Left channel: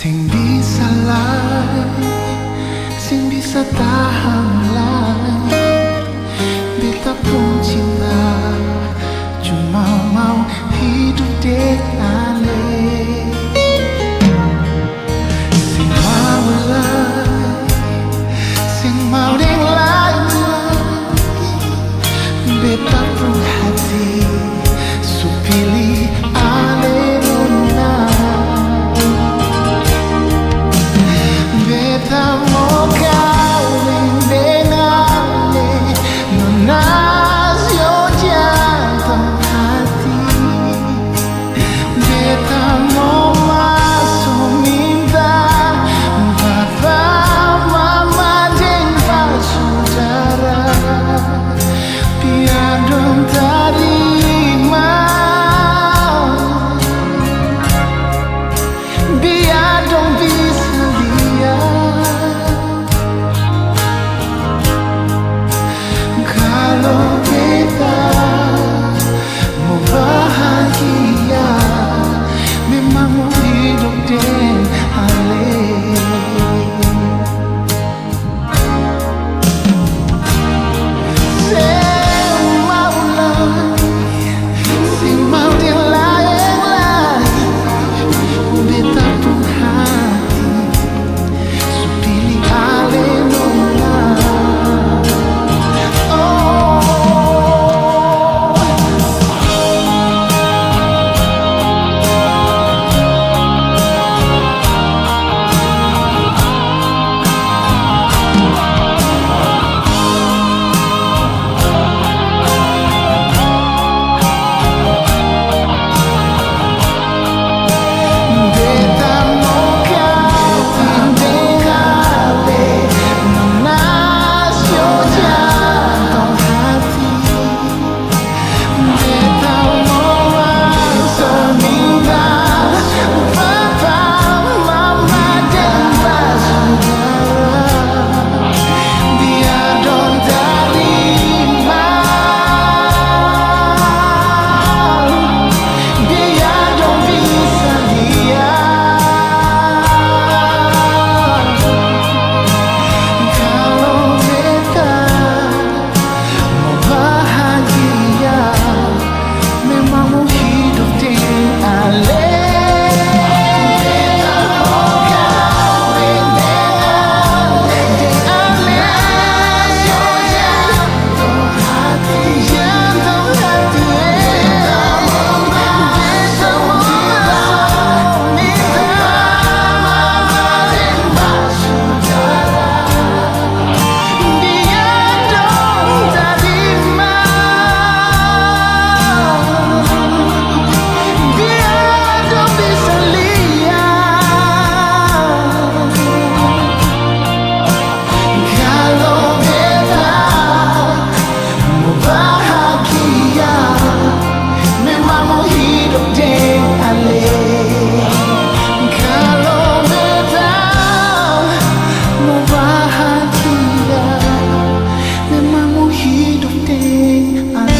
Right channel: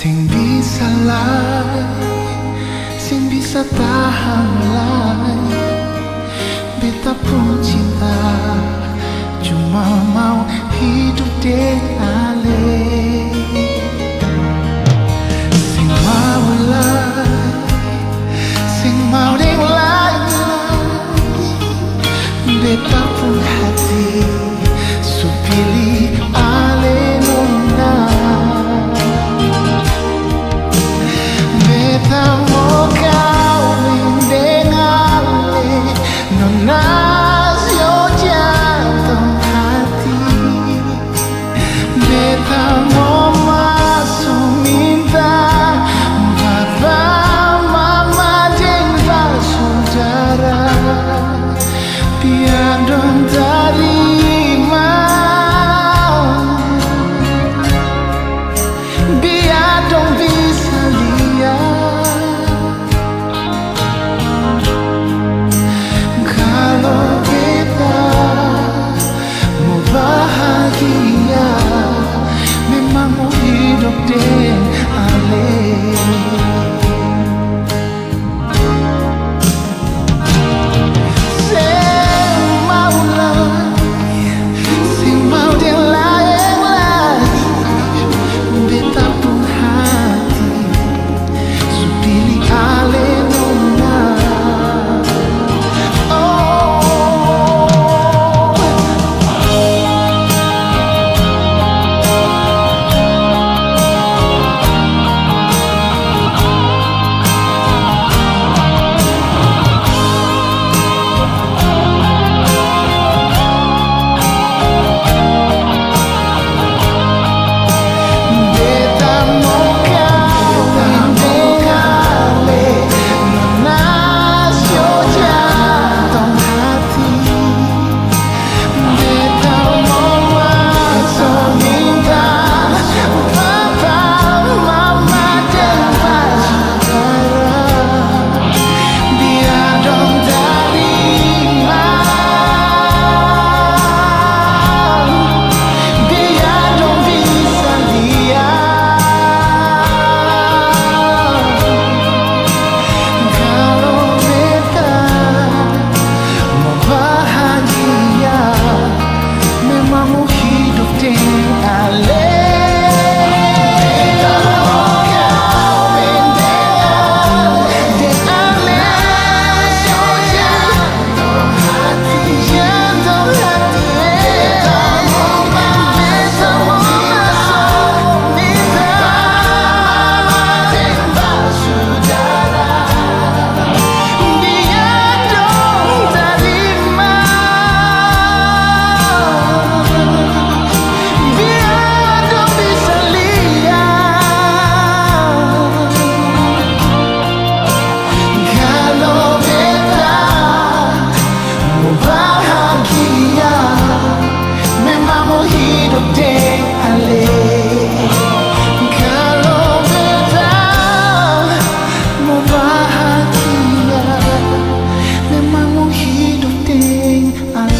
Sing bisa lay, sing bisa tahan lay. Beta pun cinta, cuma mau hidup dengan ale. Sing mau lay, sing mau deng lay. Beta pun hati, so pilih ale nona. Beta mau kawin dengan le, nona yo jantung hati. Beta mau masuk minta papa mama jeng saudara, biar dong terima, biar dong bisa lihat kalau kita mau bahagia, memang mau hidup dengan ale. Sing mau dia lain-lain, beta pun hati, so pilih ale nona. Beta mau kawin dengan ale, nona yo jantung hati. Beta mau masuk minta papa mama dan saudara, biar dong terima, biar dong bisa lihat kalau beta mau bahagia, memang mau hidup dengan ale. Bahagia, memang mau hidup dengan ale. Kalau beta mau bahagia, memang mau hidup dengan ale.